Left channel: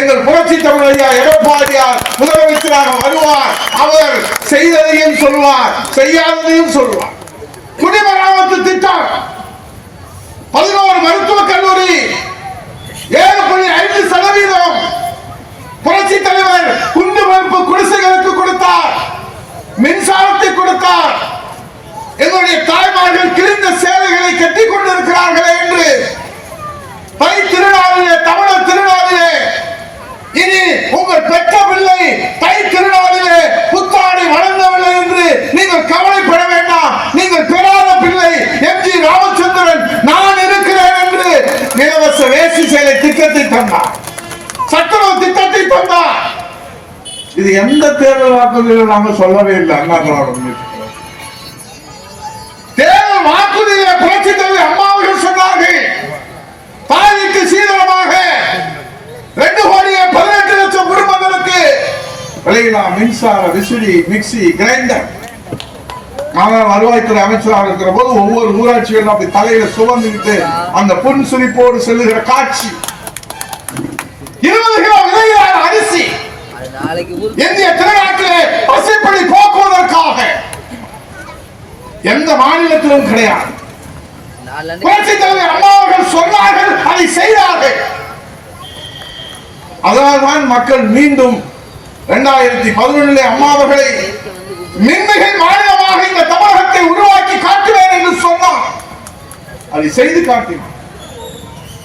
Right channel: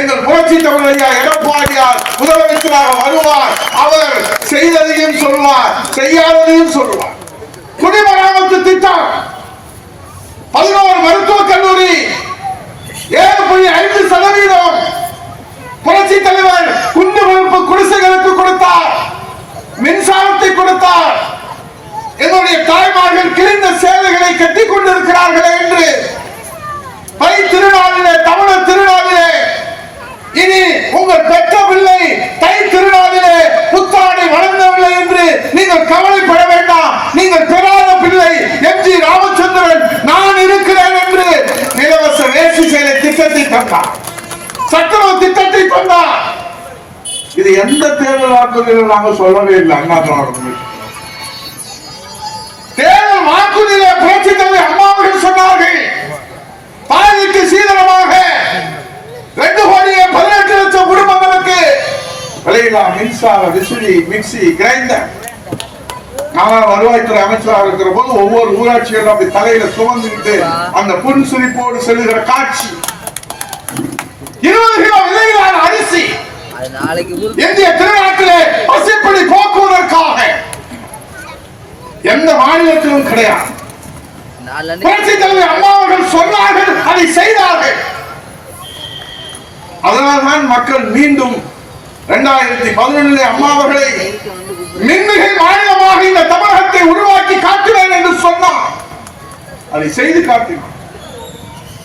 எங்கள் புரட்சி தமிழையா எடப்பாடியார் முதலமைச்சராக வருவார். அவர் செய்ததையும் சொல்வார் செய்யாததையும் சொல்வார். திட்டத்தை தந்தார். சத்துணவு திட்டத்தை தந்தார். இது எந்த தேர்தல் வாக்குறுதியிலும் நாங்கள் சொல்லவே இல்லை அண்ணா திராவிட தேர்தல் வாக்குறுதியில புரட்சி தலைவர் அம்மா அவர்கள் சொன்னார்கள். பாதிக்கு சீதளமாக ரெண்டு கோடியே பதினெட்டு லட்சம் குடும்பங்களுக்கு விலையிலா மின்சார விசிறி மிக்சி கிரைண்டர். நான் வருவாய்த்துறை அமைச்சராக இருக்கிற போது ஒவ்வொரு ஊராட்சிகளும் அப்படி தலையில சுமந்துக்கிட்டு அந்த புன் சிரிப்போடு செல்லுகிற காட்சி. இருபது கிலோ விலையிலான அரிசி. இந்திய திருநாட்டிலே பசிப்பிடி போக்குவதற்காக. எந்த மாநிலத்திலும் கிடையாது. புரட்சி தலைவர் அம்மா அவர்கள் சொன்னார்கள் அதை செய்தார்கள். அதனால்தான் மக்கள் மீண்டும் இரண்டாயிரத்தி பதினொன்றிலே அம்மா அவர்களை மின்மிகை மாநிலமாக இந்த தமிழகத்தை உருவாக்கி காட்டுவேன் என்று சொன்னார். அதை செய்து காட்டினார்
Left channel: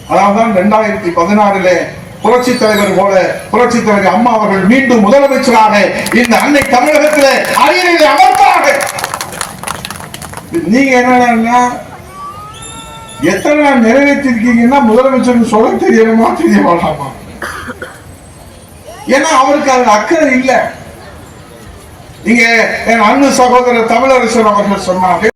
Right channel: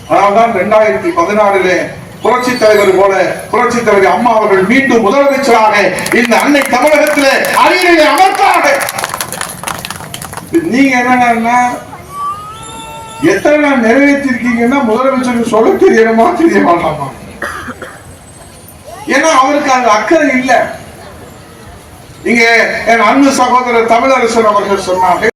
அதனால்தான் இரண்டாயிரத்தி பதினாறிலே புரட்சி தலைவர் போல புரட்சி தலைவர் அம்மா அவர்கள் மீண்டும் முதலமைச்சராக இந்த அன்னை தமிழகத்திலே அரியணையை அமர்த்தார்கள். நீங்க என்னன்னா எத்தனை நாள் நிறைவேற்றிருக்கீங்கன்னா முதலமைச்சருக்கு சொல்ல தெரியணுமா தெரிய வேண்டாமா ஏன்னா அவருக்கு அந்த அக்கறை இல்ல. இங்க என் அண்ணு சகோதரர் தமிழரசன் அவர்கள் சொன்னார்கள்